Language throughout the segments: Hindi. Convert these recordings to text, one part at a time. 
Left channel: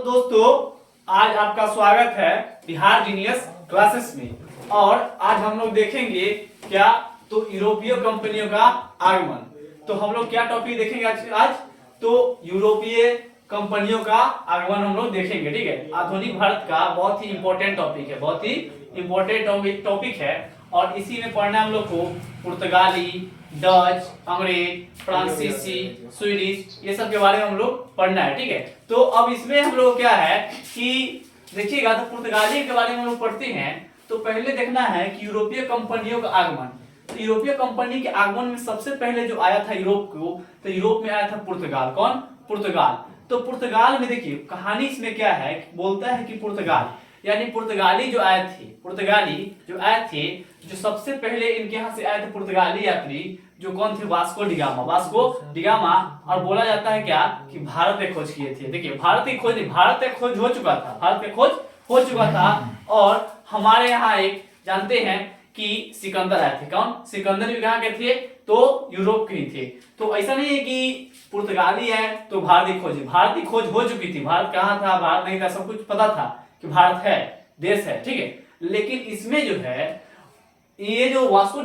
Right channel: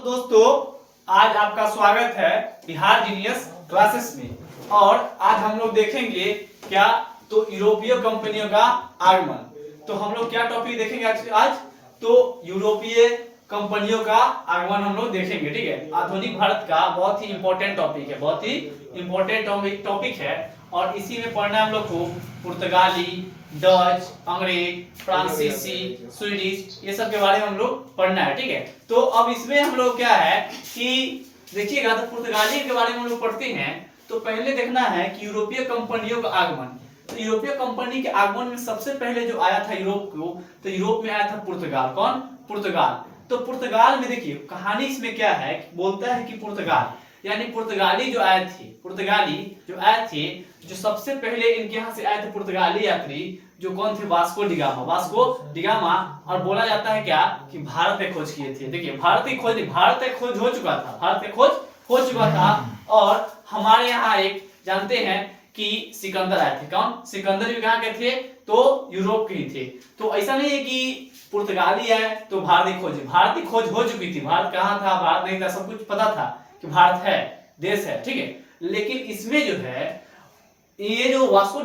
तो दोस्तों आज आपका स्वागत है बिहार जीनियस क्लासेस में। और आज हम लोग देखेंगे क्या तो यूरोपीय कंपनियों का आगमन। तो हम लोग क्या टॉपिक देखेंगे आज तो यूरोपीय कंपनियों का आगमन हम लोग देखेंगे। ठीक है, आधुनिक भारत का बहुत ही इंपॉर्टेंट टॉपिक है, बहुत ही इंपॉर्टेंट टॉपिक है। और इसी में पढ़ना हम लोग को पुर्तगाली, डच, अंग्रेज, फ्रांसीसी, स्वीडिश ये सब के बारे में हम लोग पढ़ना है। ठीक है, तो अब इसमें हम लोग क्या है कि देखिएगा तो पुर्तगाली के बारे में हम लोग पढ़ते हैं। तो पहले देखना है कि यूरोपीय कंपनियों का आगमन। तो यूरोपीय कंपनी के आगमन में सबसे पहले जो आया था यूरोप को, तो यूरोप में आया था पुर्तगाल। कौन? पुर्तगाल। तो पुर्तगाल में देखिए कहानी इसमें क्या है, बोलता है कि पुर्तगाल यानी पुर्तगाली जो आए थे, जो सबसे पहले इनके यहाँ से आए थे पुर्तगाली यात्री, जो कौन थे? Vasco da Gama. और बोला जाता है क्या कि भारत में खोज किए थे। देखिए भारत में खोज हो चुका था। और हमारे यहाँ एक जानते हैं कि सिकंदर आए थे। कौन? सिकंदर भी कहाँ के थे? तो यूरोप के ही थे। तो ऐसा नहीं है कि पुर्तगाली है तो भारतीय खोज हो चुकी थी। भारत कहाँ था? भारत नहीं था, सब कुछ पता था कि भारत है, देश है। ठीक है, लेकिन इसमें जो है ये जो वास्को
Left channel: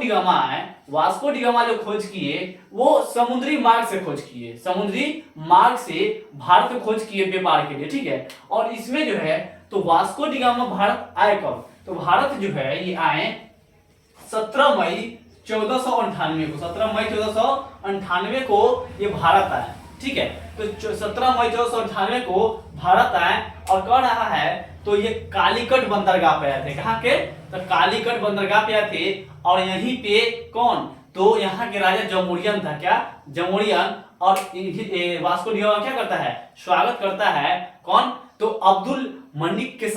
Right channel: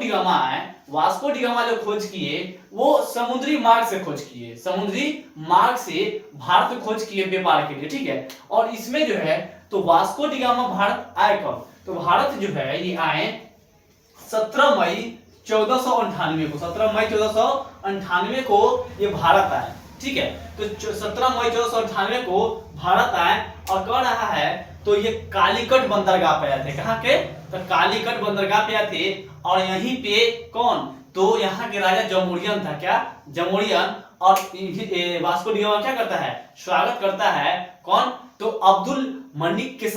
डिगामा जो खोज किए वो समुद्री मार्ग से भारत में खोज किए व्यापार के लिए। ठीक है, और इसमें जो है तो वास्को डिगामा भारत आए कब? तो भारत जो है ये आए 17 मई 1498 को ये भारत आए। ठीक है, तो 17 मई 1498 को भारत आए और कह रहा है तो ये कालीकट बंदरगाह पे आए थे। कहाँ के? तो कालीकट बंदरगाह पे आए थे। और यहीं पे कौन? तो यहाँ के राजा जमोरियन था। क्या? जमोरियन। और वास्को डिगामा क्या करता है? स्वागत करता है। कौन? तो अब्दुल मलिक के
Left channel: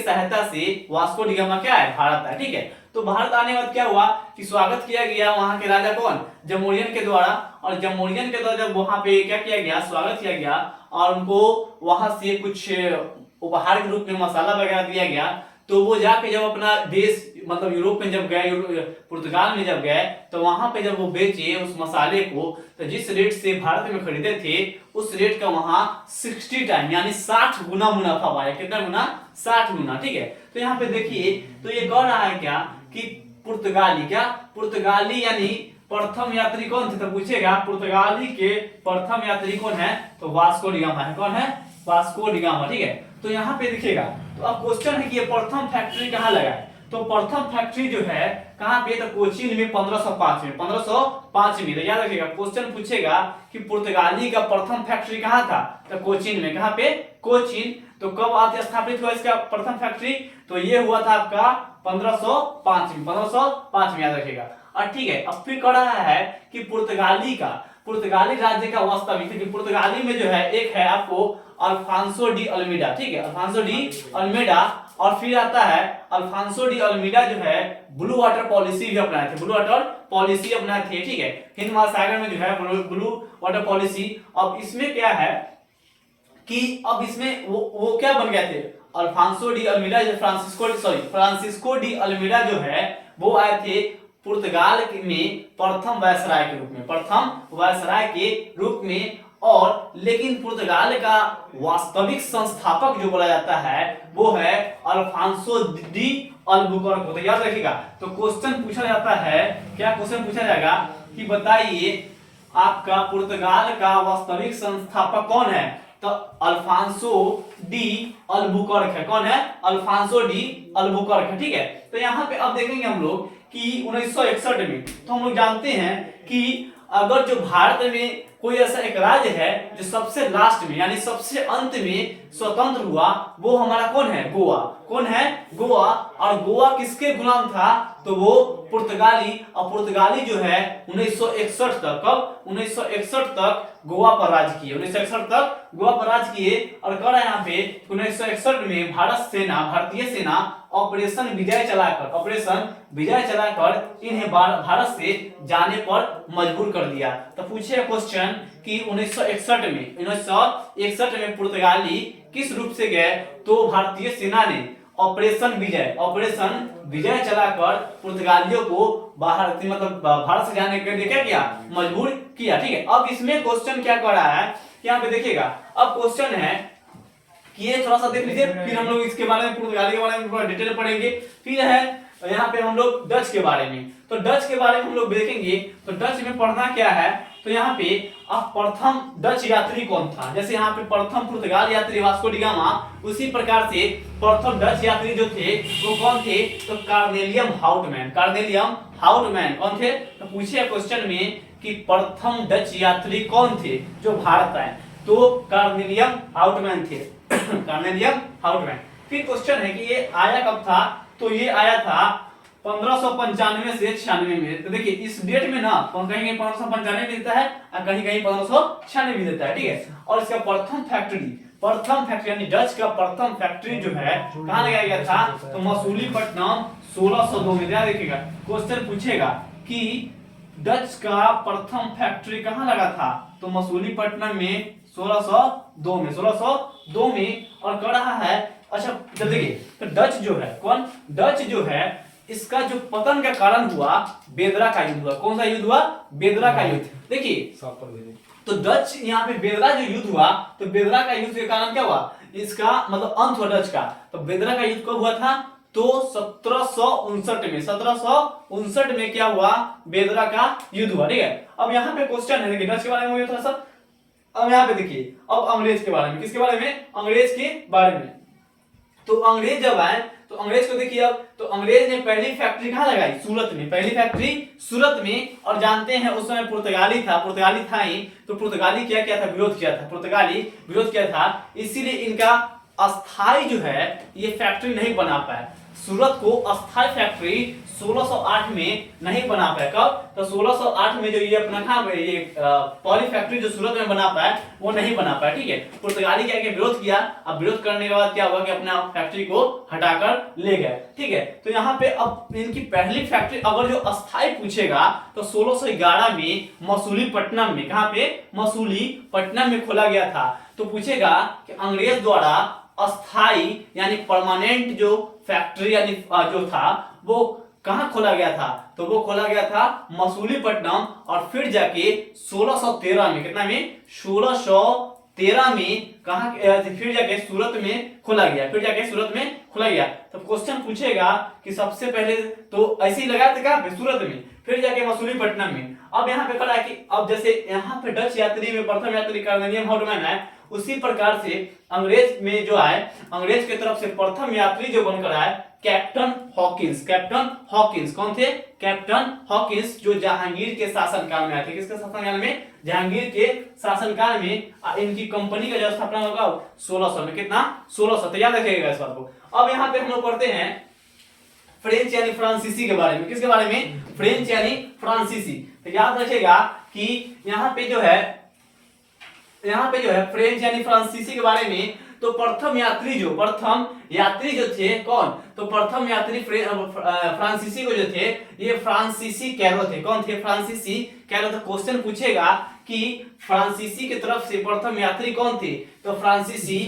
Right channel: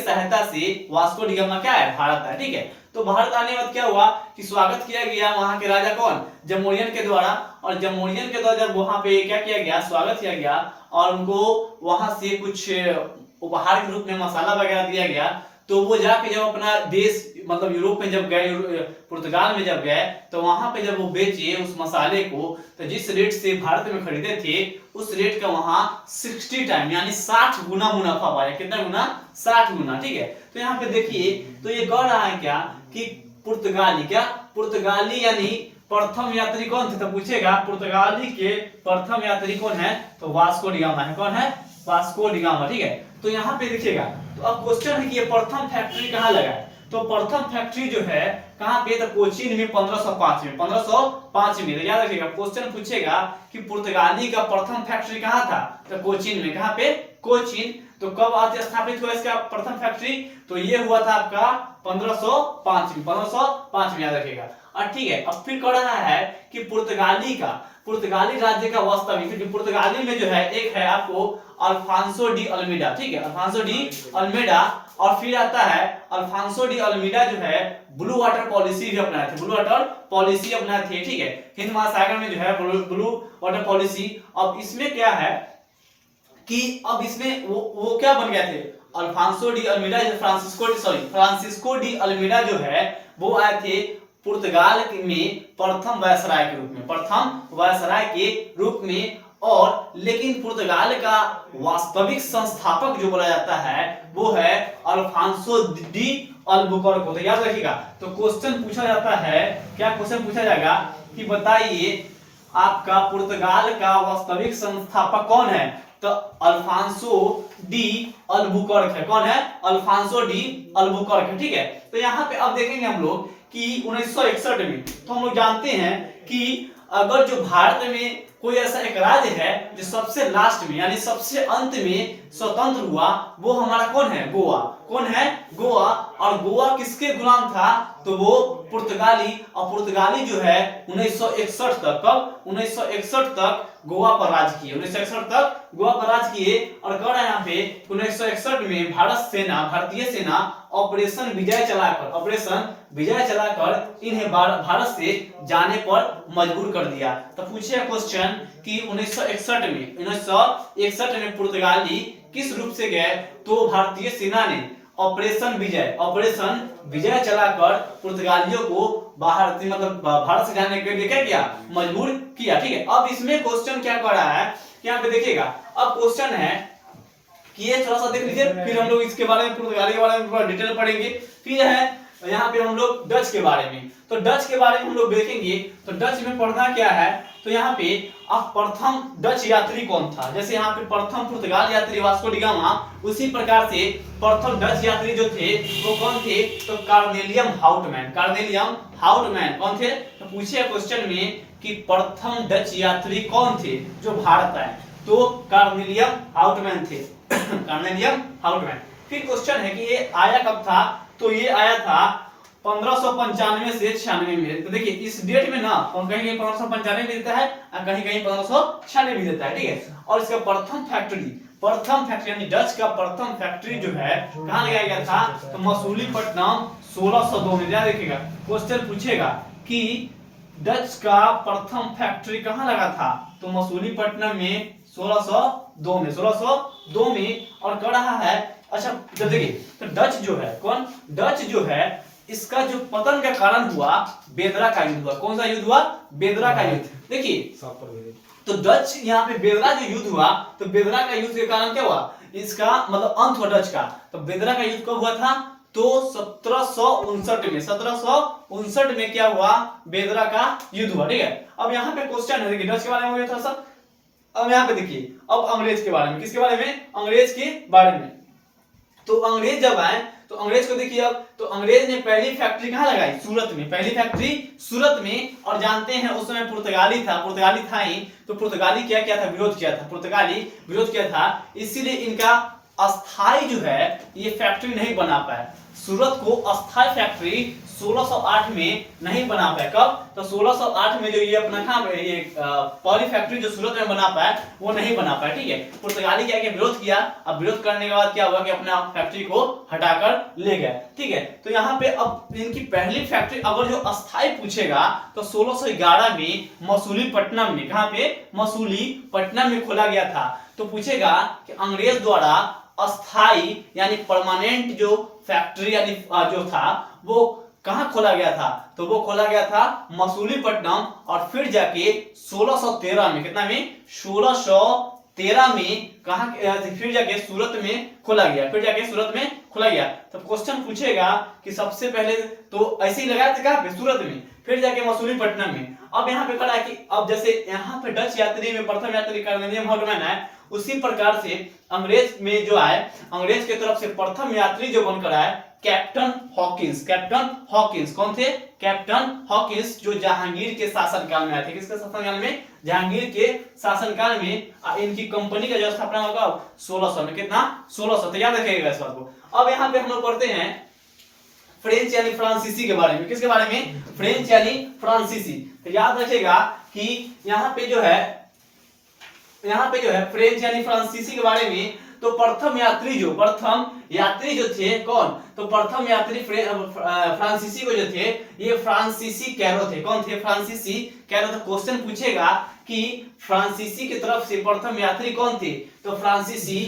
सहायता से वास्को डिगामा क्या है? भारत है। ठीक है, तो भारत आने के बाद क्या हुआ कि स्वागत किया गया वहां के राजा कौन? जमोरियन के द्वारा। और जमोरियन के द्वारा जब वहां पे क्या किया गया? स्वागत किया गया और उनको वहां से कुछ उपहार के रूप में मसाला वगैरह दिया गया। तो वो जाके जब अपना देश मतलब यूरोप में जब गए, पुर्तगाल में जब गए, तो वहां पे जब वो बेचे उस मसाले को, तो जिस रेट से भारत में खरीदे थे उस रेट का वहां 60 टाइम यानी 60 गुना मुनाफा पाया। कितना गुना? 60 गुना। ठीक है, तो यहाँ पे देखिए तो ये कह रहा है क्या कि पुर्तगाली यानी प्रथम यात्री कौन थे? तो पूछेगा पुर्तगाली के प्रथम यात्री कौन है? तो वास्को डिगामा है। कौन है? Vasco da Gama. ठीक है, तो यहाँ पे देखिएगा तो अब क्वेश्चन है कि ये प्रथम फैक्ट्री कहाँ लगाए? तो प्रथम फैक्ट्री जो है कहाँ पे? तो कोचीन में 1505 में। तो याद रखिएगा क्वेश्चन पूछेगा कि पुर्तगाली का प्रथम फैक्ट्री कहाँ था? तो कोचीन में। कहाँ पे? कोचीन। तो कब आते स्थापित हुआ इसका प्रथम फैक्ट्री? तो ये हुआ था आपका 1505 में याद रखिएगा। और ठीक है, अब फिर कह रहा है कि पुर्तगाली राज्य का वास्तविक, क्योंकि पुर्तगाली में जो है एक है आपको अल्फांसो डी अल्मीडा। ठीक है, अल्फांसो डी अल्मीडा। और फिर आता है अल्फांसो डी अल्मीडा जो है ब्लू वाटर पॉलिसी भी अपनाए थे। ठीक है, हिंद महासागर में जो है ब्लू वाटर पॉलिसी। अब इसमें क्या है कि अब इसमें वो क्या बन गए थे? अल्फांसो डी अल्मीडा जो फ्रांसिस्को डी अल्मीडा जो है वो आए थे पुर्तगाल में प्रथम वायसराय के रूप में। और लेकिन पुर्तगाल का वास्तविक संस्थापक जो बोला जाता है वो है अल्फांसो डी अल्बुकर्क। तो याद रखिएगा तो क्वेश्चन पूछा जाता है, क्या क्वेश्चन पूछा जाएगा कि बताइए आपका पुर्तगाल का वास्तविक संस्थापक कौन है? तो अल्फांसो डी अल्बुकर्क है। कौन है? अल्फांसो डी अल्बुकर्क है। ठीक है, तो यहाँ पे अब देखेंगे हम लोग कि 1961 में, तो हम लोग जानते हैं कि अगर जो भारत में कोई ऐसा एक राज्य है जो सबसे लास्ट में यानी सबसे अंत में स्वतंत्र हुआ, वो हमारा कौन है? गोवा। कौन है? गोवा। और गोवा किसके गुलाम था? तो वो पुर्तगाली। और पुर्तगाली जो है 1961 तक, कब? 1961 तक गोवा पर राज किए। 1961 तक गोवा पर राज किए। और कह रहा है यहाँ पे 1961 में भारतीय सेना ऑपरेशन विजय चलाकर इन्हें भारत से जाने पर मजबूर कर दिया। तो पूछे क्वेश्चन कि 1961 में पुर्तगाली किस रूप से गए? तो भारतीय सेना ने ऑपरेशन विजय चलाकर पुर्तगालियों को भारत से जाने के लिए क्या किया? मजबूर किया। ठीक है, अब इसमें क्वेश्चन क्या कर रहा है यहाँ पे देखिएगा। अब क्वेश्चन है कि ये थोड़ा सा देख लीजिए, फिर हम लोग इसके बारे में पुर्तगाली के बारे में थोड़ा डिटेल पढ़ेंगे। फिर है यहाँ पे हम लोग डच के बारे में, तो डच के बारे में हम लोग देखेंगे। तो डच में पढ़ना क्या है, तो यहाँ पे अब प्रथम डच यात्री कौन था, जैसे यहाँ पे प्रथम पुर्तगाल यात्री वास्को डी गामा, उसी प्रकार से प्रथम डच यात्री जो थे वो कौन थे, तो कार्नेलियम हाउटमैन। कार्नेलियम हाउटमैन कौन थे, तो पूछे क्वेश्चन में कि प्रथम डच यात्री कौन थे जो भारत आए, तो कार्नेलियम हाउटमैन थे। कार्नेलियम हाउटमैन। फिर क्वेश्चन है कि ये आया कब था, तो ये आया था 1595 से 96 में। तो देखिए इस डेट में ना कहीं 1595 में देता है और कहीं 1596 में देता है, ठीक है। और इसका प्रथम फैक्ट्री यानी डच का प्रथम फैक्ट्री जो है कहाँ लगाया गया था, तो मसूलीपट्टनम 1602 में। ध्यान रखिएगा, क्वेश्चन पूछेगा कि डच का प्रथम फैक्ट्री कहाँ लगा था, तो मसूलीपट्टनम में 1602 में और कर रहा है। अच्छा जब देखिए तो डच जो है कौन, डच जो है इसका जो पतन का कारण हुआ बेदरा का युद्ध हुआ। कौन सा युद्ध हुआ, बेदरा का युद्ध। देखिए तो डच यहाँ पे बेदरा जो युद्ध हुआ, तो बेदरा का युद्ध के कारण क्या हुआ, इसका मतलब अंत हुआ डच का। तो बेदरा का युद्ध कब हुआ था, तो 1759 में क्या हुआ, बेदरा का युद्ध हुआ, ठीक है। अब यहाँ पे क्वेश्चन है, देखिए डच के बारे में हो गया थोड़ा सा। अब यहाँ पे देखिए अब अंग्रेज के बारे में, किसके बारे में, अंग्रेज के बारे में। तो अंग्रेज जब आए तो अंग्रेज को देखिए, अब तो अंग्रेज ने पहली फैक्ट्री कहाँ लगाई, सूरत में। पहली फैक्ट्री सूरत में। और जानते हैं उस समय पुर्तगाली था ही, तो पुर्तगाली क्या था, विरोध किया था, पुर्तगाली विरोध किया था, इसीलिए इनका अस्थाई जो है ये फैक्ट्री नहीं बना पाया। सूरत को अस्थाई फैक्ट्री 1608 में नहीं बना पाया। कब, तो 1608 में जो ये अपना ये पॉली फैक्ट्री जो सूरत में बना पाया वो नहीं बना पाया, ठीक है। पुर्तगाली क्या विरोध किया, अब विरोध करने के बाद क्या हुआ कि अपना फैक्ट्री को हटाकर ले गए, ठीक है। तो यहाँ पे अब इनकी पहली फैक्ट्री अगर जो अस्थाई पूछेगा तो 1611 में मसूलीपट्टनम में, कहाँ पे, मसूलीपट्टनम में खोला गया था। तो पूछेगा कि अंग्रेज द्वारा अस्थाई यानी परमानेंट जो फैक्ट्री यानी जो था वो कहां खोला गया था, तो वो खोला गया था मसूलीपट्टनम। और फिर जाके 1613 में, कितना में, 1613 में कहां, फिर जाके सूरत में खोला गया, फिर जाके सूरत में खोला गया। तो क्वेश्चन पूछेगा कि सबसे पहले तो ऐसे ही लगाया था कहां पे, सूरत में, फिर जाके मसूलीपट्टनम में। अब यहाँ पे पढ़ा कि अब जैसे यहाँ पे डच यात्री में प्रथम यात्री कार्नेलियम हाउटमैन है, उसी प्रकार से अंग्रेज में जो आए, अंग्रेज की तरफ से प्रथम यात्री जो बनकर आए कैप्टन हॉकिंस। कैप्टन हॉकिंस कौन थे, कैप्टन हॉकिंस, जो जहांगीर के शासनकाल में आए थे। किसके शासनकाल में, जहांगीर के शासनकाल में। इनकी कंपनी का जो स्थापना होगा 1600 में, कितना, 1600। तो याद रखिएगा इस बात को। अब यहाँ पे हम लोग पढ़ते हैं फ्रेंच यानी फ्रांसीसी के बारे में। किसके बारे में, फ्रेंच यानी फ्रांसीसी। तो याद रखिएगा कि यहाँ पे जो है फ्रेंच यानी फ्रांसीसी के बारे में, तो प्रथम यात्री जो थे कौन, तो प्रथम यात्री फ्रांसीसी को जो थे ये फ्रांसीसी कैरो थे। कौन थे, फ्रांसीसी कैरो। तो क्वेश्चन पूछेगा कि फ्रांसीसी की तरफ से प्रथम यात्री कौन थे, तो फ्रांसीसी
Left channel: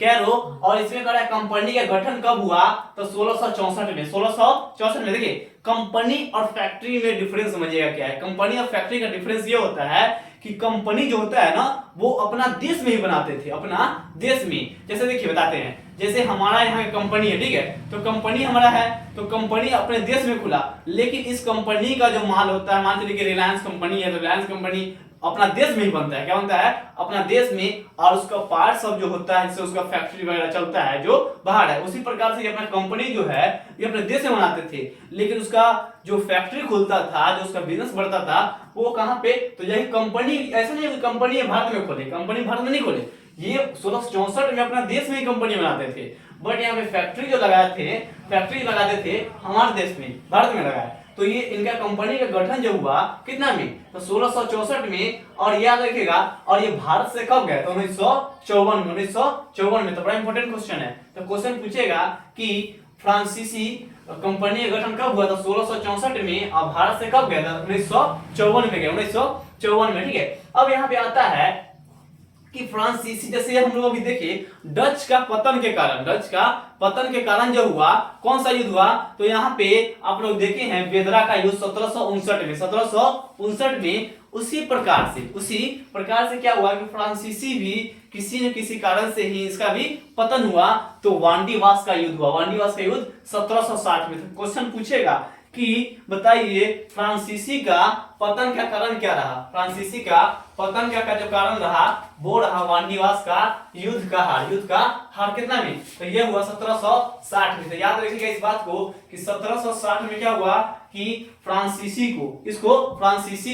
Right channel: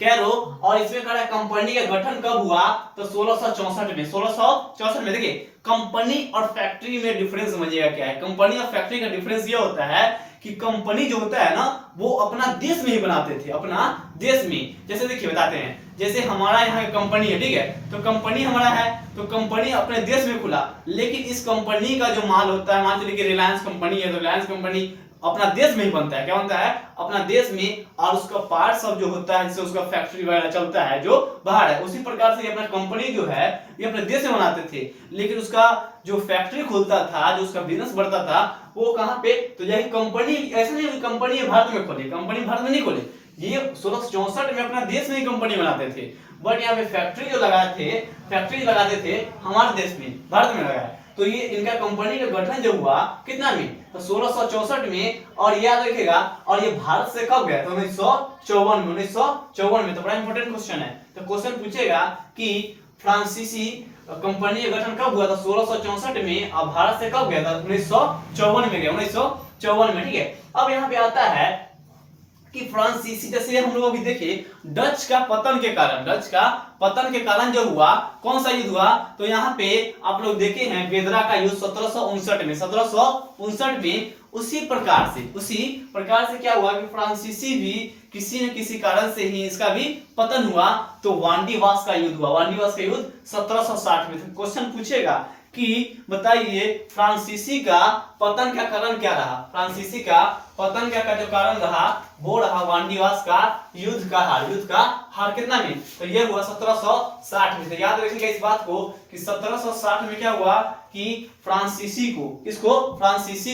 कैरो। और इसमें कहा कंपनी का गठन कब हुआ, तो 1664 में। 1664 में। देखिए कंपनी और फैक्ट्री में डिफरेंस समझिएगा क्या है। कंपनी और फैक्ट्री का डिफरेंस ये होता है कि कंपनी जो होता है ना वो अपना देश में ही बनाते थे, अपना देश में। जैसे देखिए बताते हैं, जैसे हमारा यहाँ कंपनी है, ठीक है, तो कंपनी हमारा है, तो कंपनी अपने देश में खुला, लेकिन इस कंपनी का जो माल होता है, मान लीजिए रिलायंस कंपनी है, तो रिलायंस कंपनी अपना देश में ही बनता है। क्या बनता है, अपना देश में। और उसका पार्ट सब जो होता है जिससे उसका फैक्ट्री वगैरह चलता है जो बाहर है, उसी प्रकार से अपना कंपनी जो है ये अपने देश में बनाते थे, लेकिन उसका जो फैक्ट्री खुलता था, जो उसका बिजनेस बढ़ता था, वो कहाँ पे, तो यही कंपनी। ऐसा नहीं है कंपनी भारत में खोले, कंपनी भारत में नहीं खोले, ये 1664 में अपना देश में ही कंपनी बनाते थे। बट यहाँ पे फैक्ट्री जो लगाते थे हमारे देश में, भारत में लगाया। तो ये इनका कंपनी का गठन जो हुआ कितना में, तो 1664 में। और याद रखिएगा, और ये भारत से कब गया, तो 1954 में। तो बड़ा इंपॉर्टेंट क्वेश्चन है। तो क्वेश्चन पूछेगा कि फ्रांसीसी कंपनी का गठन कब हुआ था, 1664 में। और भारत से कब गया था, 1954 में गया, 1954 में, ठीक है। अब यहाँ पे आता है कि फ्रांसीसी, जैसे हम लोग अभी देखे डच का पतन के कारण जो हुआ, कौन सा युद्ध हुआ, तो यहाँ पे आप लोग देखे हैं बेदरा का युद्ध 1759 में। उसी प्रकार से क्या हुआ कि फ्रांसीसी भी किसी न किसी कारण से ही इसका भी पतन हुआ, तो वांडीवास का युद्ध हुआ। वांडीवास का युद्ध 1760 में। तो क्वेश्चन पूछेगा कि बताइए फ्रांसीसी का पतन का कारण क्या रहा। फ्रांसीसी का पतन का जो कारण रहा वो रहा वांडीवास का युद्ध का हार कितना में, तो ये हुआ 1760 में। तो याद रखिएगा इस बात को कि 1760 में क्या हुआ कि फ्रांसीसी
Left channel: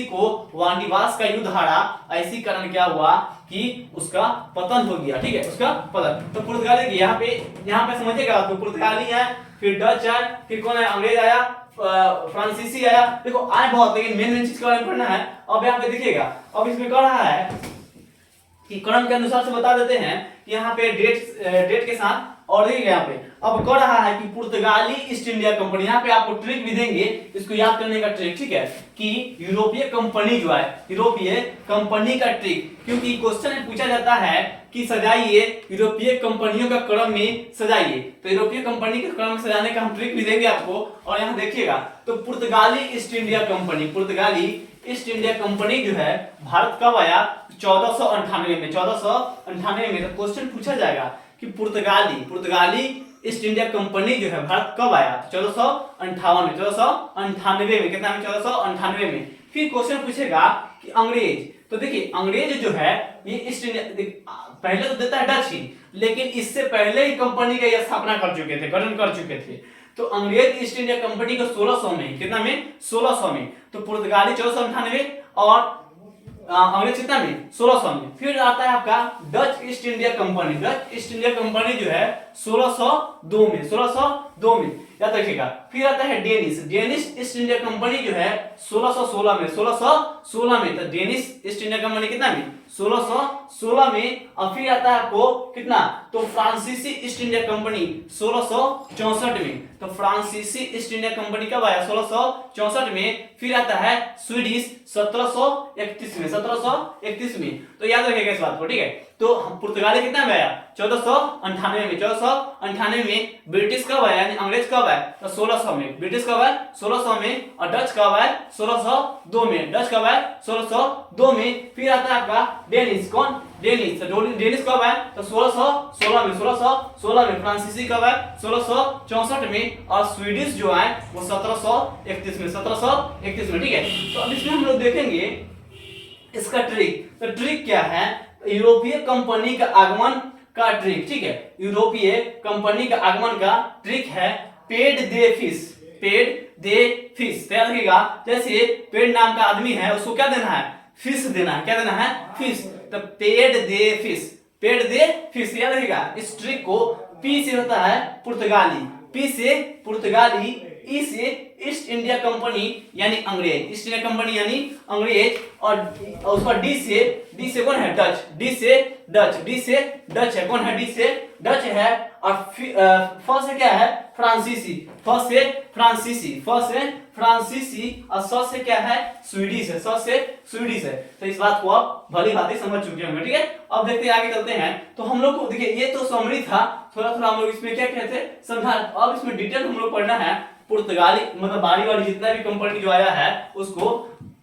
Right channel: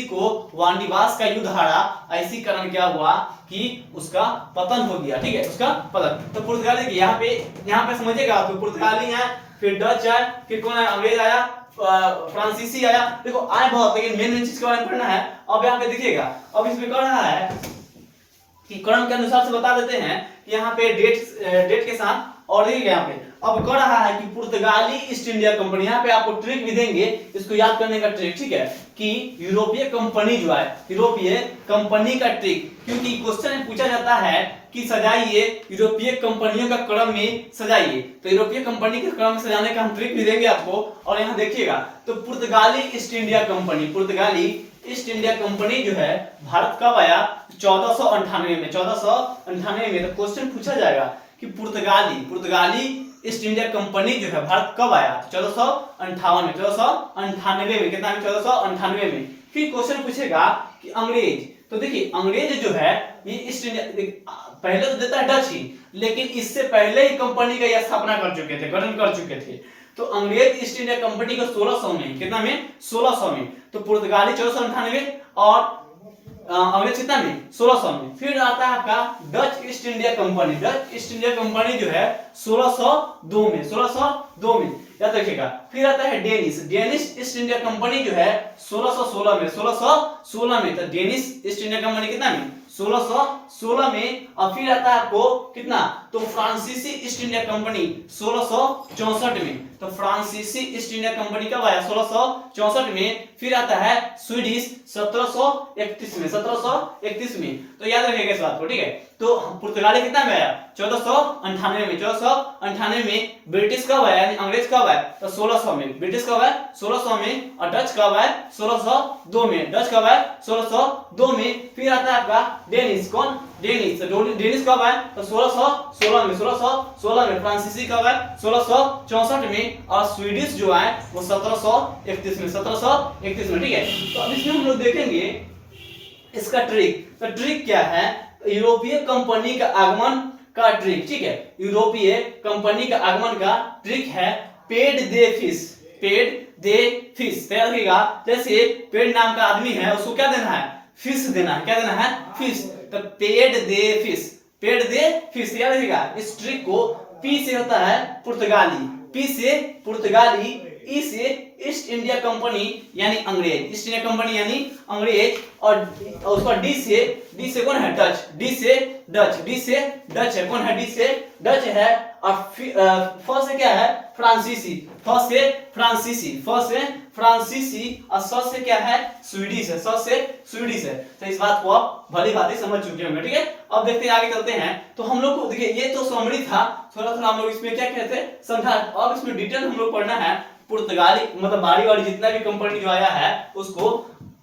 को वांडीवास का युद्ध हारा, ऐसी कारण क्या हुआ कि उसका पतन हो गया। ठीक है, उसका पतन। तो पुर्तगाली यहाँ पे समझिएगा, तो पुर्तगाली है, फिर डच है, फिर कौन है, अंग्रेज आया, फ्रांसीसी आया। देखो आए बहुत, लेकिन मेन चीज के बारे में पढ़ना है। अब यहाँ पे देखिएगा, अब इसमें कह रहा है कि क्रम के अनुसार से बता देते हैं कि यहाँ पे डेट के साथ, और देखिए यहाँ पे अब कह रहा है कि पुर्तगाली ईस्ट इंडिया कंपनी, यहाँ पे आपको ट्रिक भी देंगे इसको याद करने का ट्रिक, ठीक है, कि यूरोपीय कंपनी जो है, यूरोपीय कंपनी का ट्रिक, क्योंकि क्वेश्चन में पूछा जाता है कि सजाइए यूरोपीय कंपनियों का क्रम में सजाइए, तो यूरोपीय कंपनी के क्रम में सजाने का हम ट्रिक भी देंगे आपको। और यहाँ देखिएगा, तो पुर्तगाली ईस्ट इंडिया कंपनी जो है भारत कब आया, 1498 में। 1498 में। तो क्वेश्चन पूछा जाएगा कि पुर्तगाली ईस्ट इंडिया कंपनी जो है भारत कब आया, तो 1498 में। कितना में, 1498 में। फिर क्वेश्चन पूछेगा कि अंग्रेज, तो देखिए अंग्रेज जो है ये ईस्ट इंडिया, पहले तो देता है डच ही, लेकिन इससे पहले ही कंपनी का स्थापना कर चुके थे, गठन कर चुके थे। तो अंग्रेज ईस्ट इंडिया कंपनी को 1600 में, कितना में, 1600 में। तो पुर्तगाली 1498 और अंग्रेज कितना में, 1600 में। फिर आता है आपका डच ईस्ट इंडिया कंपनी जो है 1602 में। याद रखिएगा। फिर आता है डेनिश ईस्ट इंडिया कंपनी जो है 1616 में। तो डेनिश ईस्ट इंडिया कंपनी कितना में, 1616 में। और फिर आता है आपको कितना, तो फ्रांसीसी ईस्ट इंडिया कंपनी 1664 में। तो फ्रांसीसी ईस्ट इंडिया कंपनी कब आया, 1664 में। फिर आता है स्वीडिश 1731 में। तो याद रखिएगा इस बात को, ठीक है। तो पुर्तगाली कितना में आया, 1498 में। 1498 में। ब्रिटिश कब आया, यानी अंग्रेज कब आया, तो 1600 में। ब्रिटिश कब आया, 1600 में। और डच कब आया, 1602 में। डच कब आया, 1602 में। फिर आता है आपका डेनिश, कौन, डेनिश। तो डेनिश कब आया, तो 1616 में। फ्रांसीसी कब आया, 1664 में। और स्वीडिश जो है वो 1731 में। ठीक है। तो अब इसमें हम लोग देखेंगे इसका ट्रिक। तो ट्रिक क्या है, यूरोपीय कंपनी का आगमन का ट्रिक, ठीक है। यूरोपीय कंपनी का आगमन का ट्रिक है पेड दे फिश। तैयार रखिएगा, जैसे पेड नाम का आदमी है, उसको क्या देना है, फिश देना है। क्या देना है, फिश। तो पेड दे फिश। याद रखिएगा इस ट्रिक को। पी से होता है पुर्तगाली, पी से पुर्तगाली, ई से ईस्ट इंडिया कंपनी यानी अंग्रेज, ईस्ट इंडिया कंपनी यानी अंग्रेज। और उसका डी से कौन है, डच। डी से डच है, कौन है, डी से डच है। और फ से क्या है, फ्रांसीसी। फ से फ्रांसीसी। और स से क्या है, स्वीडिश है। स से स्वीडिश है। तो इस बात को आप भली भांति समझ चुके होंगे, ठीक है। अब देखते हैं आगे चलते हैं। तो हम लोग को देखिए, ये तो समरी था, थोड़ा हम लोग इसमें क्या कहते हैं, समझा। अब इसमें डिटेल हम लोग पढ़ना है। पुर्तगाली मतलब बारी जितना भी कंपनी जो आया है उसको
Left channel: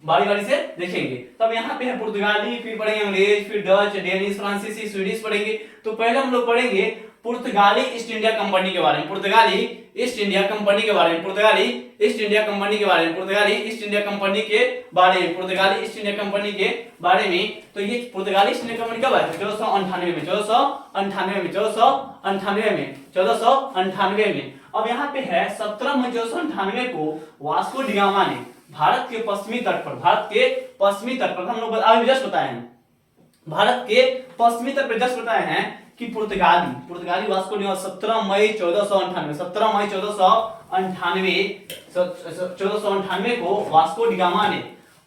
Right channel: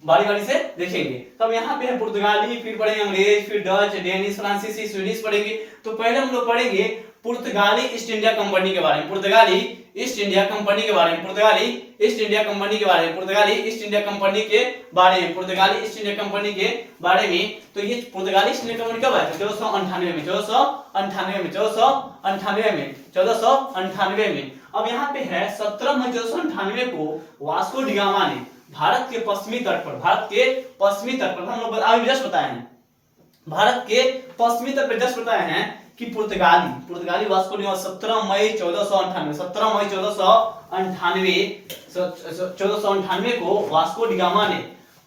बारी से देखेंगे। तब यहाँ पे है पुर्तगाली, फिर पढ़ेंगे अंग्रेज, फिर डच, डेनिश, फ्रांसीसी, स्वीडिश पढ़ेंगे। तो पहले हम लोग पढ़ेंगे पुर्तगाली ईस्ट इंडिया कंपनी के बारे में। पुर्तगाली ईस्ट इंडिया कंपनी के बारे में। तो ये पुर्तगाली ईस्ट इंडिया कंपनी कब आया, 1498 में। अब यहाँ पे है 17 मई 1498 को वास्को डी गामा ने भारत के पश्चिमी तट पर हम लोग अभी जस्ट बताए हैं, भारत के पश्चिमी तट पर जस्ट बताए हैं कि पुर्तगाली वास्को डी गामा 17 मई 1498 को वास्को डी गामा ने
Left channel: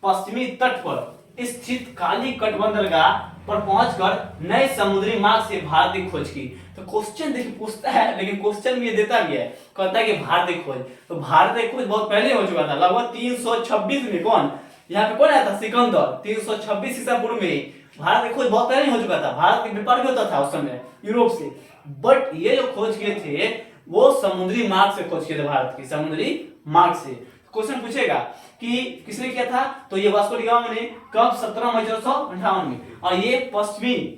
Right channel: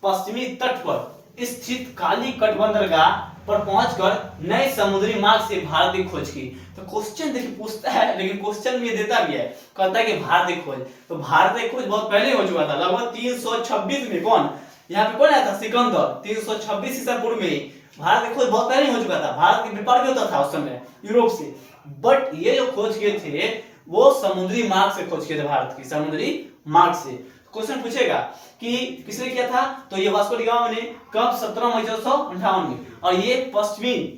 पश्चिमी तट पर स्थित काली कट बंदरगाह पर पहुंचकर नए समुद्री मार्ग से भारत की खोज की। तो क्वेश्चन देखिए पूछता है, लेकिन क्वेश्चन में देता भी है, कहता है कि भारत की खोज। तो भारत की खोज बहुत पहले हो चुका था, लगभग 326 में। कौन यहाँ पे कौन आया था, सिकंदर। 326 ईसा पूर्व में भारत की खोज बहुत पहले ही हो चुका था, भारत के व्यापार भी होता था उस समय यूरोप से, बट ये जो खोज किए थे वो समुद्री मार्ग से खोज किए थे, भारत की समुद्री मार्ग से। क्वेश्चन पूछेगा कि किसने किया था, तो ये वास्को डी गामा ने कब, 17 मई 1458 में। और ये पश्चिमी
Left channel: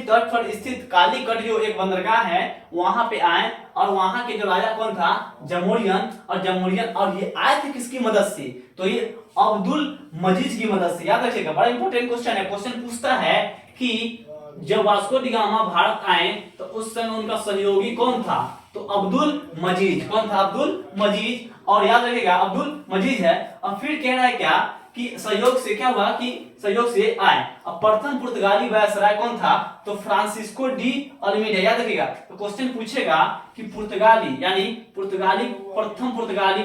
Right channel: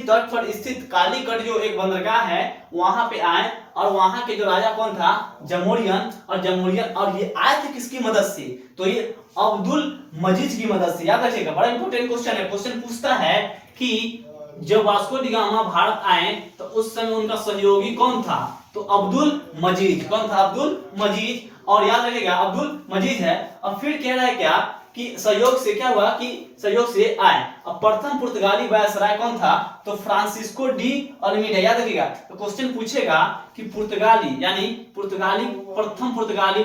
तट पर स्थित कालीकट जो एक बंदरगाह है वहां पे आए, और वहां के जो राजा कौन था, जमोरियन, और ये आए थे किसकी मदद से, तो ये अब्दुल मजीद की मदद से। याद रखिएगा, बड़ा इंपॉर्टेंट क्वेश्चन है। क्वेश्चन पूछता है कि जब वास्को डी गामा भारत आए तो उस समय उनका सहयोगी कौन था, तो अब्दुल मजीद। कौन था, अब्दुल मजीद। और याद रखिएगा अब्दुल मजीद है। और फिर कह रहा है क्या कि सहयोग से क्या हुआ, कि सहयोग से आए। अब प्रथम पुर्तगाली वायसराय कौन था, तो फ्रांसिस्को डी अल्मीडा। याद रखिएगा, तो क्वेश्चन पूछेगा कि पुर्तगाली यानी प्रथम पुर्तगाली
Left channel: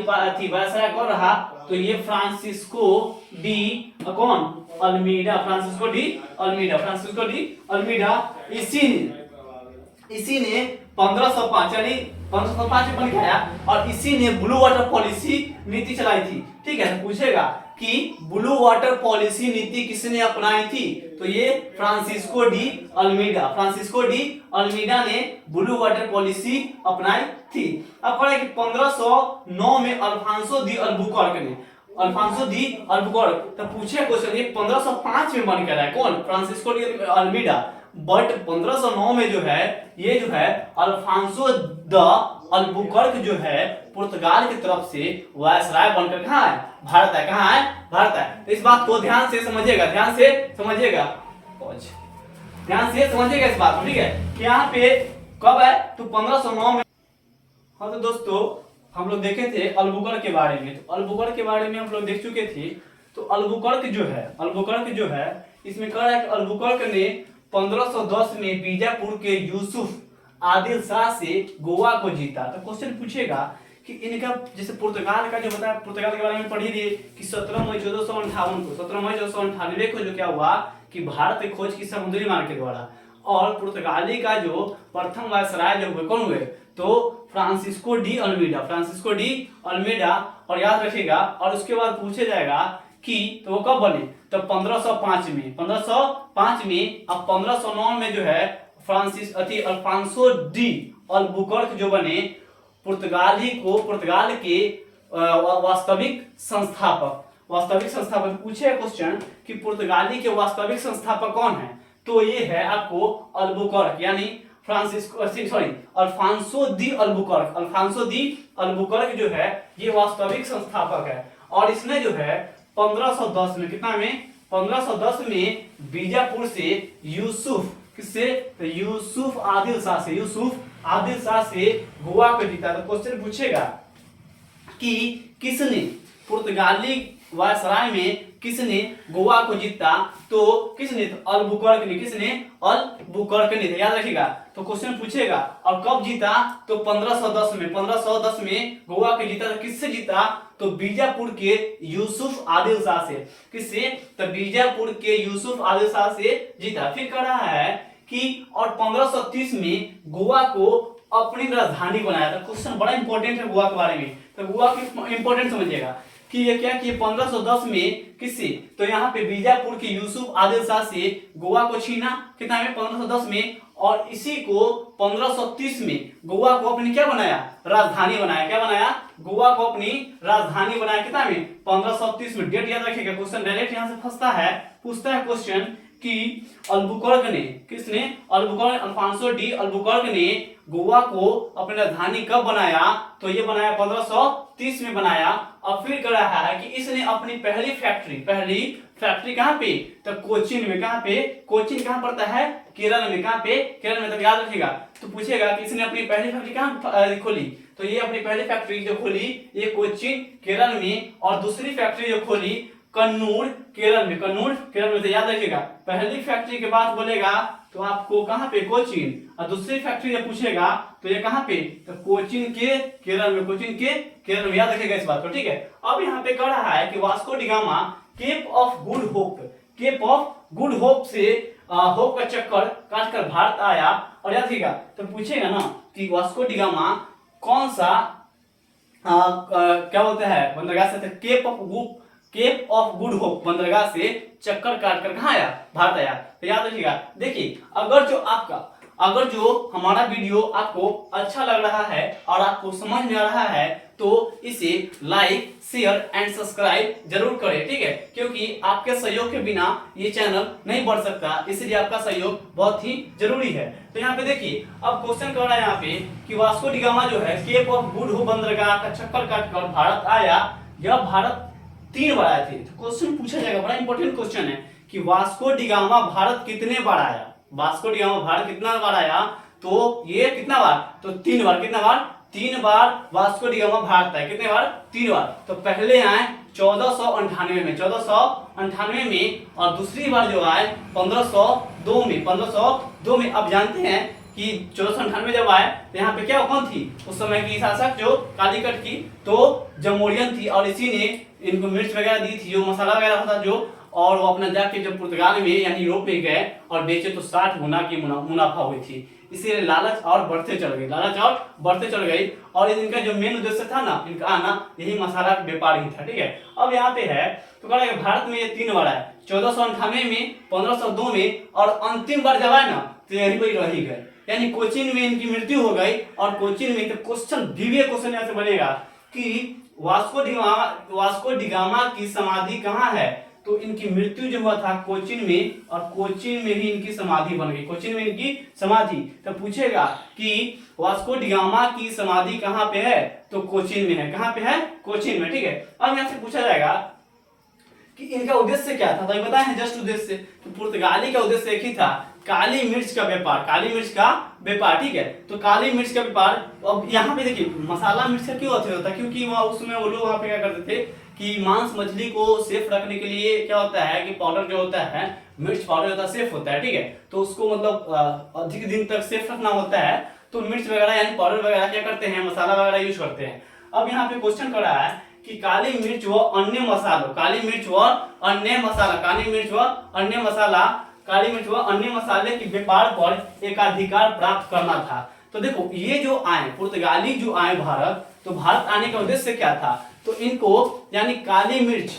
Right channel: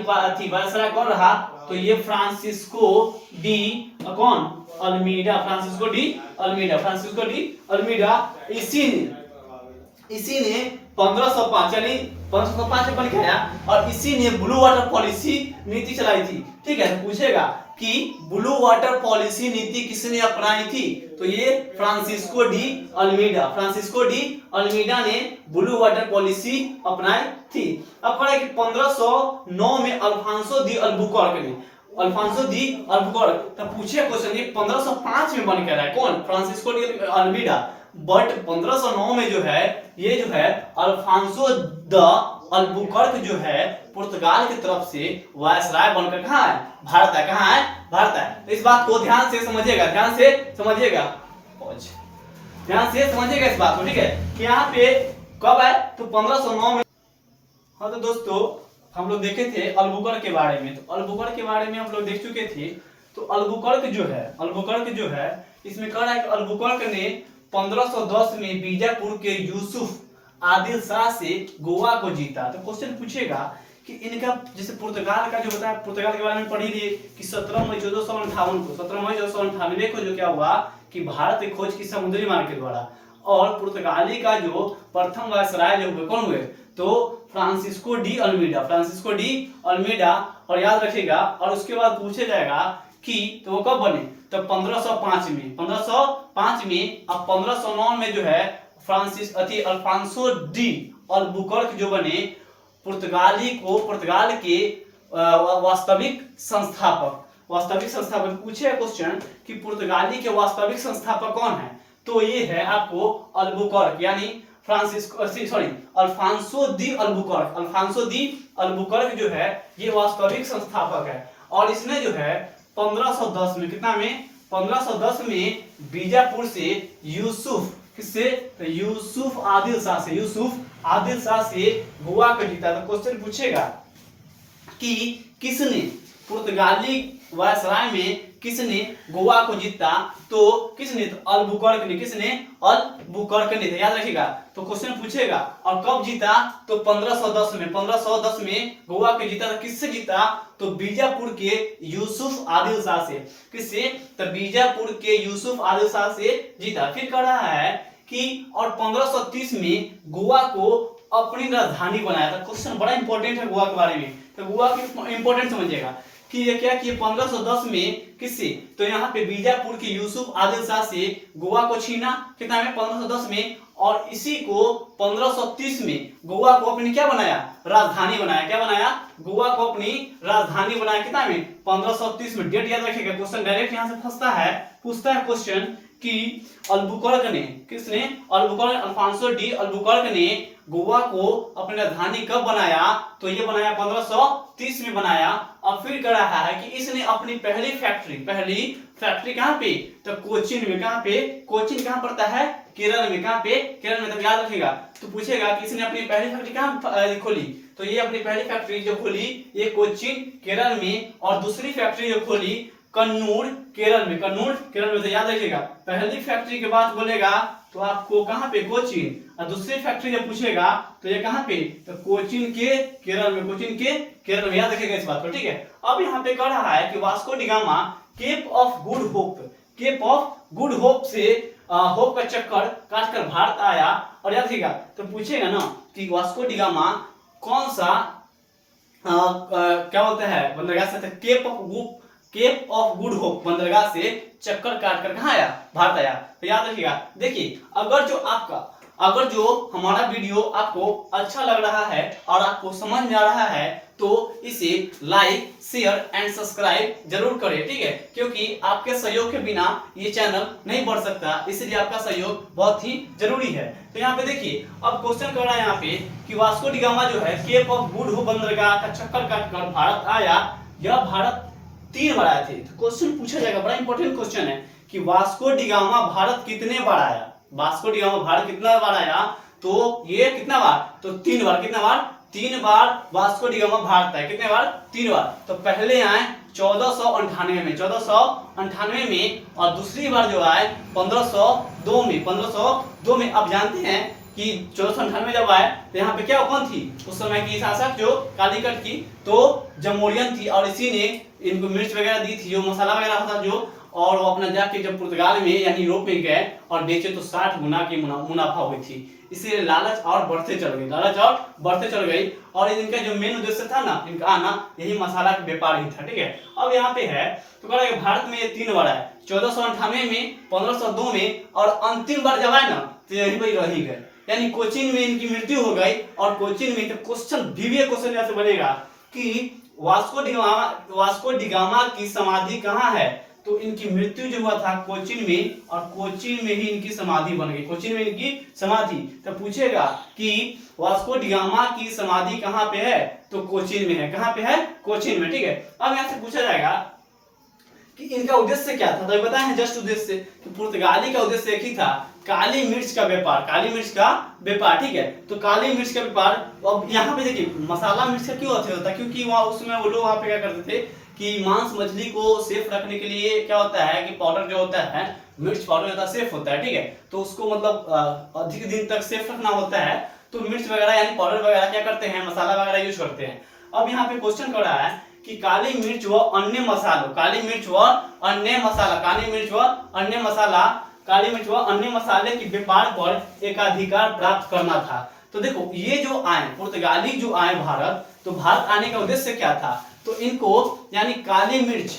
वायसराय कौन रहा, तो ये फ्रांसिस्को डी कौन, अल्मीडा। Francisco de Almeida. इसी ने 1505 यानी 1505 में बन के आया, और इसी ने ब्लू वाटर पॉलिसी नीति चलाई थी। ठीक है, तो पूछेगा कि ब्लू वाटर पॉलिसी नीति किसने अपनाई थी, तो ये फ्रांसिस्को डी अल्मीडा ने ब्लू वाटर पॉलिसी अपनाई थी। अब पढ़ा कि 1509 में अल्फांसो दी अल्बुकर्क, तो पूछे क्वेश्चन ये 1505 में बन के आया कौन, फ्रांसिस्को डी अल्मीडा। बट 1509 में जो है ये जो है अल्फांसो द अल्बुकर्क जो है पुर्तगाल की तरफ से वायसराय बनकर कहाँ है, भारत है। कहाँ है, भारत है। तो इस बात को ध्यान से समझिएगा इस बात को। ठीक है, कि यहाँ पे कब है, तो 1509 में। हाँ तो दोस्तों हम लोग देखे थे अल्बुकर्क के बारे में, तो अल्बुकर्क के बारे में हम लोग देख चुके थे। तो अल्बुकर्क जो है इसमें कह रहा है कि अल्बुकर्क ने 1510 में बीजापुर के यूसुफ आदिल शाह से गोवा को जीता। तो क्वेश्चन पूछेगा कि इनका जैसे पुर्तगाल का जो बताया, पुर्तगाल के बारे में पढ़ी थी कि 17 मई 1458 को जो क्या हुआ कि भारत की खोज की समुद्री मार्ग के द्वारा, और पुर्तगाली का जो प्रथम वायसराय जो हुए कौन हुए, तो फ्रांसिस्को डी अल्मीडा। और याद रखिएगा, और उसके बाद पूछा जाएगा कि तो वो कब बने, तो 1505 में। अब 1509 में जो है अल्फांसो डी अल्बुकर्क जो बने पुर्तगाल के वास्तविक संस्थापक। पूछे क्वेश्चन कि पुर्तगाली के वास्तविक संस्थापक कौन है, तो ये है आपको अल्बुकर्क यानी अल्फांसो दी अल्बुकर्क जो है ये वास्तविक संस्थापक है। और इसने जो है 1510 में, कितना में, 1510 में बीजापुर से यूसुफ आदिल शाह से गोवा को जीता। तो क्वेश्चन पूछेगा कि किसने पुर्तगाली वायसराय में किसने गोवा को जीता, तो किसने, तो अल्बुकर्क ने। याद रखिएगा, तो क्वेश्चन पूछेगा और कब जीता, तो 1510 में गोवा को जीता। तो किससे जीता, तो बीजापुर के यूसुफ आदिल शाह से। किससे, तो बीजापुर के यूसुफ आदिल शाह से जीता। फिर कह रहा है कि और 1530 में गोवा को अपनी राजधानी बनाया था। क्वेश्चन बड़ा इंपॉर्टेंट है गोवा के बारे में, तो गोवा की इंपॉर्टेंट समझिएगा कि ये क्या कि 1510 में किससे, तो यहाँ पे बीजापुर के यूसुफ आदिल शाह से गोवा को छीना, कितना में, 1510 में। और इसी को 1530 में गोवा को अपनी क्या बनाया, राजधानी बनाया। क्या बनाया, गोवा को अपनी राजधानी बनाया। कितना में, 1530 में। डेट याद रखिएगा, क्वेश्चन डायरेक्ट यहाँ से फंसता है, पूछता है क्वेश्चन कि अल्बुकर्क ने, किसने, अल्फांसो डी अल्बुकर्क ने गोवा को अपनी राजधानी कब बनाया, तो ये बनाया 1530 में बनाया। अब फिर कह रहा है कि इसने अपनी पहली फैक्ट्री कहाँ पे, तो कोचीन में। कहाँ पे, कोचीन कहाँ पड़ता है, केरल में। कहाँ पे, केरल में। तब याद रखिएगा, तो पूछेगा कि इसने अपनी पहली फैक्ट्री कहाँ खोली, तो ये अपनी पहली फैक्ट्री जो खोली ये कोचीन केरल में, और दूसरी फैक्ट्री जो खोली कन्नूर केरल में। तो याद रखिएगा, पहली फैक्ट्री के बाद बोलेगा तो आपको कहाँ पे, कोचीन। और दूसरी फैक्ट्री जब पूछेगा तो ये कहाँ पे, तो कोचीन के केरल में। याद रखिएगा इस बात को। ठीक है, अब यहाँ पे कह रहा है कि Vasco da Gama Cape of good Hope से होप का चक्कर काटकर भारत आया। और याद रखिएगा, तो पूछेगा ना कि वास्को डी गामा कौन सा क्या बोलते हैं बंदरगाह से, cape cape of good hope बंदरगाह से चक्कर काट कर कहाँ आया, भारत आया। तो याद रखिएगा। देखिए अगर जो हमारा वीडियो आपको अच्छा लग रहा है और आपको समझ में आ रहा है तो इसे लाइक शेयर एंड सब्सक्राइब जरूर करें, ठीक है, क्योंकि आपके सहयोग के बिना ये चैनल नहीं बढ़ सकता, इसलिए आपका सहयोग बहुत ही जरूरी है। तो यहाँ पे देखिए अब क्वेश्चन कर रहा है यहाँ पे कि वास्को डी गामा जो है केप ऑफ गुड होप बंदरगाह का चक्कर काटकर भारत आया, यह भारत 3 बार आए थे। तो क्वेश्चन पूछा जाएगा, बड़ा इंपॉर्टेंट क्वेश्चन है कि वास्को डी गामा भारत कितने बार आया, वास्को डी गामा भारत कितना बार आया, तो ये कितना बार, तो 3 बार। कितना बार, 3 बार वास्को डी गामा भारत आया। कितने बार, 3 बार। तो पहले आए 1498 में, 1498 में, और दूसरी बार जो आए 1502 में, 1502 में। अब जानते हैं कि 1498 जब आए तो यहाँ पे क्या कौन थी उस समय की शासक, जो कालीकट की, तो जमोरियन थी, और इसी ने इनको मिर्च वगैरह दी थी, जो मसाला वगैरह होता जो, और वो अपना जाके जब पुर्तगाल में यानी यूरोप में गए और बेचे तो 60 गुना की मुनाफा हुई थी। इसीलिए लालच और बढ़ते चल गई, लालच और बढ़ते चल गई, और इनका जो मेन उद्देश्य था ना, इनका आना यही मसाला का व्यापार ही था, ठीक है। अब यहाँ पे है तो कह रहा है कि भारत में ये 3 बार है, 1498 में, 1502 में, और अंतिम बार जब आए ना तो यही वही रह ही गए, यानी कोचीन में इनकी मृत्यु हो गई। और कोचीन में क्वेश्चन बीवीए क्वेश्चन यहाँ से बनेगा कि वास्को डी गामा की समाधि कहाँ है, तो इनकी मृत्यु जो हुआ था कोचीन में, और कोचीन में ही इनकी समाधि बन गई, कोचीन में इनकी समाधि। तो पूछेगा कि वास्को डी गामा की समाधि कहाँ पे है, तो कोचीन में है। कहाँ पे है, कोचीन में, ठीक है। अब यहाँ से पूछा जाएगा कि इनका उद्देश्य क्या था, तो बताए हैं जस्ट उद्देश्य कि पुर्तगाली का उद्देश्य एक ही था, काली मिर्च का व्यापार, काली मिर्च का व्यापार, ठीक है। तो काली मिर्च का व्यापार। अब यहाँ पे देखिए मसाला मिर्च का क्यों होता है, क्योंकि वहाँ उस समय वो लोग वहाँ पे क्या करते थे कि मांस मछली को सेफ रखने के लिए क्या होता है कि पाउडर जो होता है, मिर्च पाउडर होता है, सेफ होता है, ठीक है। तो उसको मतलब अधिक दिन तक सेफ रखना होता है, तो मिर्च वगैरह यानी पाउडर वगैरह क्या करते हैं, मसाला वगैरह यूज करते हैं। अब यहाँ पे क्वेश्चन कर रहा है कि काली मिर्च व अन्य मसालों, काली मिर्च व अन्य मसाला, काली मिर्च व अन्य मसाला, काली मिर्च व अन्य मसाले के व्यापार पर एकाधिकार प्राप्त करना था। तो देखो ये जो आए पुर्तगाली जो आए भारत, तो भारत आने का उद्देश्य क्या था, तो इनको यानी काली मिर्च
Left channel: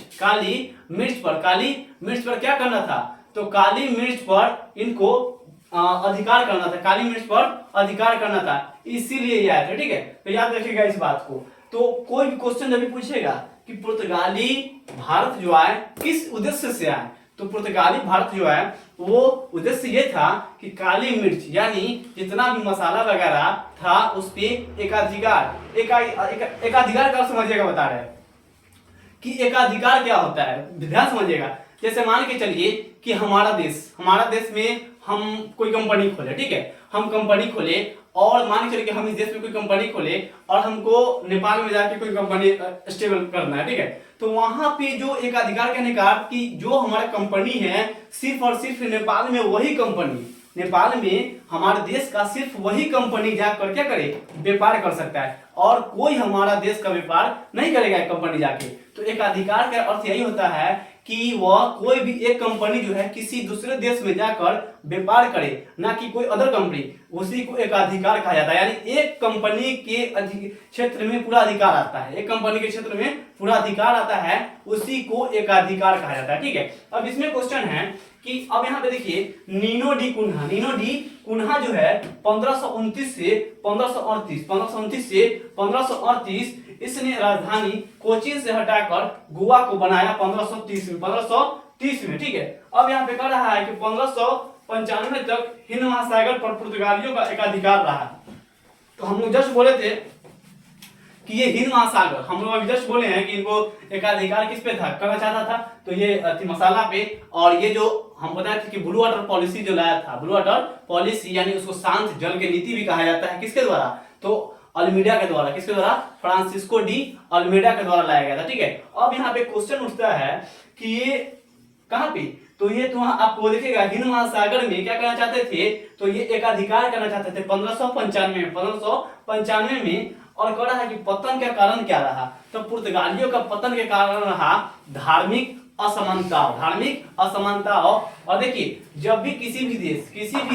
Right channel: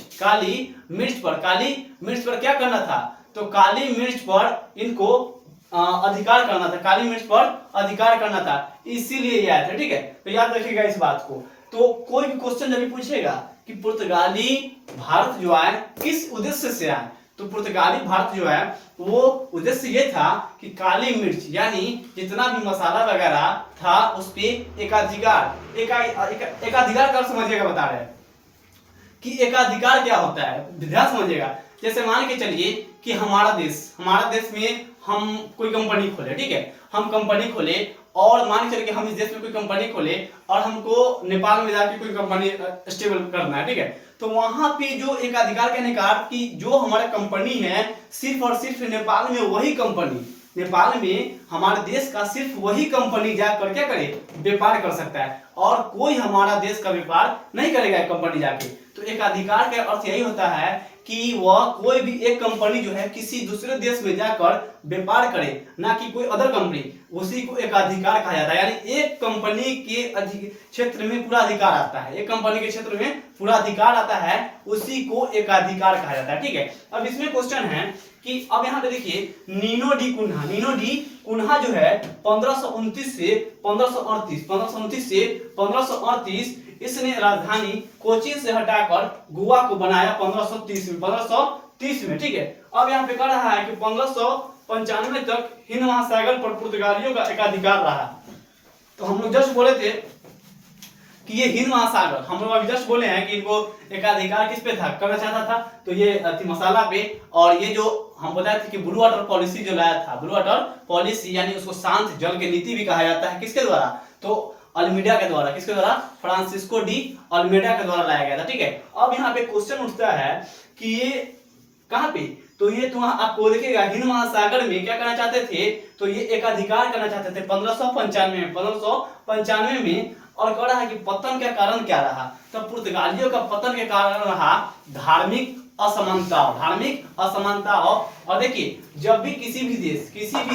पर क्या करना था, तो काली मिर्च पर इनको अधिकार करना था, काली मिर्च पर अधिकार करना था, इसीलिए ये आए थे, ठीक है। तो याद रखिएगा इस बात को। तो कोई भी क्वेश्चन जब भी पूछेगा कि पुर्तगाली भारत जो आए किस उद्देश्य से आए, तो पुर्तगाली भारत जो है वो उद्देश्य ये था कि काली मिर्च यानी जितना भी मसाला वगैरह था उस पे एकाधिकार का समझिएगा, बता रहे हैं कि एकाधिकार क्या होता है, ध्यान समझिएगा। जैसे मान के चलिए कि हमारा देश में हम कोई कंपनी खोले, ठीक है, हम कंपनी खोले, और मान के चलिए कि हम इस देश में कोई कंपनी खोले और हमको नेपाल में जाके कोई कंपनी स्टेबल करना है, ठीक है। तो वहां पे जो एक अधिकार कहने का कि जो हमारा कंपनी है सिर्फ और सिर्फ नेपाल में वही कंपनी, नेपाल में हमारे देश का सिर्फ वही कंपनी जाकर क्या करे, व्यापार कर सकता है, और कोई हमारा देश का व्यापार नहीं करेगा कंपनी जाके। तो एक अधिकार का अर्थ यही होता है कि वह कोई भी एक कंपनी जो है किसी दूसरे देश में जाकर व्यापार करे, ना कि कोई अदर कंपनी, उसी को एक अधिकार कहा जाता है। यानी एक कंपनी के क्षेत्र में पूरा अधिकार आता है, एक कंपनी के क्षेत्र में पूरा अधिकार आता है, उसी को एक अधिकार कहा जाता है, ठीक है। अब इसमें क्वेश्चन है कि अब यहाँ पे देखिए नीनो डी कुन्हा जो है 1529 से 1538 इसने राजधानी कोचीन से हटाकर गोवा को बनाया 1530 में, ठीक है। अब यहाँ पे कह रहा है कि 1595 तक हिंद महासागर पर पुर्तगालियों का एकाधिकार रहा। तो हम लोग जस्ट बोले थे कि ये हिंद महासागर, हम लोग अभी जस्ट बोले हैं कि इनको एकाधिकार किस पे था, करना चाहता था, तो ये मसाला पे, और ये जो हम बताए थे कि ब्लू वाटर पॉलिसी जो लाया था, ब्लू वाटर पॉलिसी यानी उसको शांत जल के नीति भी कहा जाता है, किसके द्वारा, तो अल्मीडा के द्वारा, किसके द्वारा, फ्रांसिस्को डी अल्मीडा के द्वारा लाया गया था, ठीक है। अब यहाँ पे क्वेश्चन उठता है कि ये कहाँ पे, तो ये तो आपको देखिएगा हिंद महासागर में क्या करना चाहते थे, तो ये एकाधिकार करना चाहते थे 1595 में। और कह रहा है कि पतन का कारण क्या रहा, तो पुर्तगालियों का पतन के कारण रहा धार्मिक असमानता। और देखिए जब भी किसी भी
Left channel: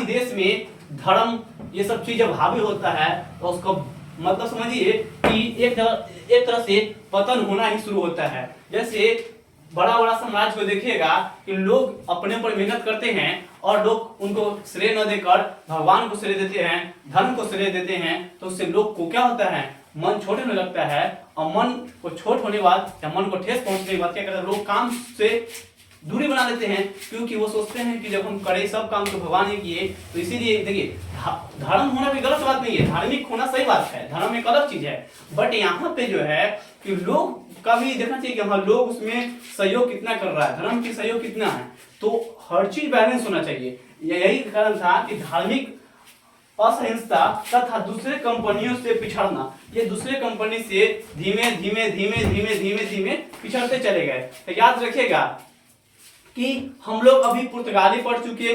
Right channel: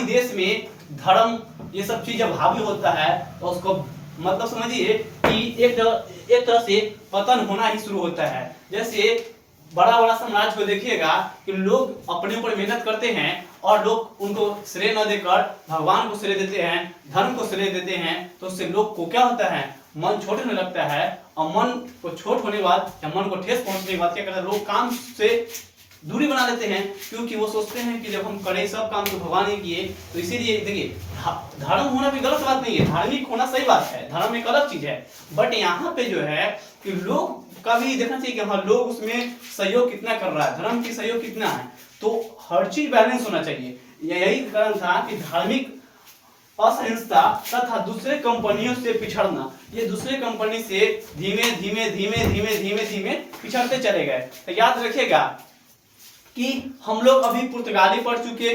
देश में धर्म ये सब चीज जब हावी होता है तो उसको मतलब समझिए कि एक तरह से पतन होना ही शुरू होता है। जैसे बड़ा बड़ा साम्राज्य को देखिएगा कि लोग अपने ऊपर मेहनत करते हैं और लोग उनको श्रेय न देकर भगवान को श्रेय देते हैं, धर्म को श्रेय देते हैं, तो उससे लोग को क्या होता है, मन छोट होने लगता है। और मन को छोट होने के बाद या मन को ठेस पहुंचने के बाद क्या करते हैं, लोग काम से दूरी बना लेते हैं, क्योंकि वो सोचते हैं कि जब हम करें सब काम तो भगवान ही किए। तो इसीलिए देखिए धर्म होना भी गलत बात नहीं है, धार्मिक होना सही बात है, धर्म एक अलग चीज है। बट यहाँ पे जो है कि लोग का भी देखना चाहिए कि हाँ लोग उसमें सहयोग कितना कर रहा है, धर्म की सहयोग कितना है। तो हर चीज बैलेंस होना चाहिए। यही कारण था कि धार्मिक असहिष्णुता तथा दूसरे कंपनियों से पिछड़ना, ये दूसरे कंपनी से धीमे धीमे धीमे धीमे धीमे धीमे पिछड़ते चले गए। तो याद रखिएगा कि हम लोग अभी पुर्तगाली पढ़ चुके,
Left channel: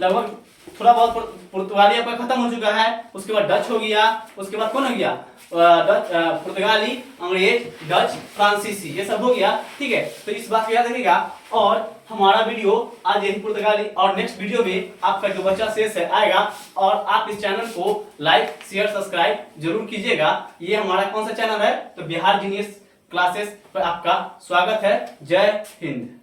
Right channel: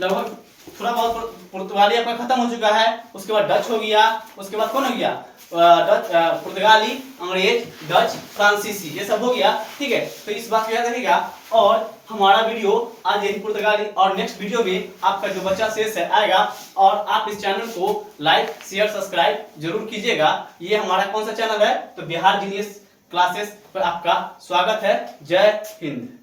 लगभग थोड़ा बहुत पुर्तगाली आपका खत्म हो चुका है। उसके बाद डच हो गया, उसके बाद कौन हो गया, पुर्तगाली, अंग्रेज, डच, फ्रांसीसी, ये सब हो गया। ठीक है, तो इस बात को याद रखिएगा। और हमारा वीडियो आज यही पुर्तगाली, और नेक्स्ट वीडियो में आपका जो बच्चा शेष है आएगा। और आप इस चैनल को लाइक शेयर सब्सक्राइब जरूर कीजिएगा। ये हमारा कौन सा चैनल है, तो बिहार जीनियस क्लासेस पर आपका स्वागत है। जय हिंद।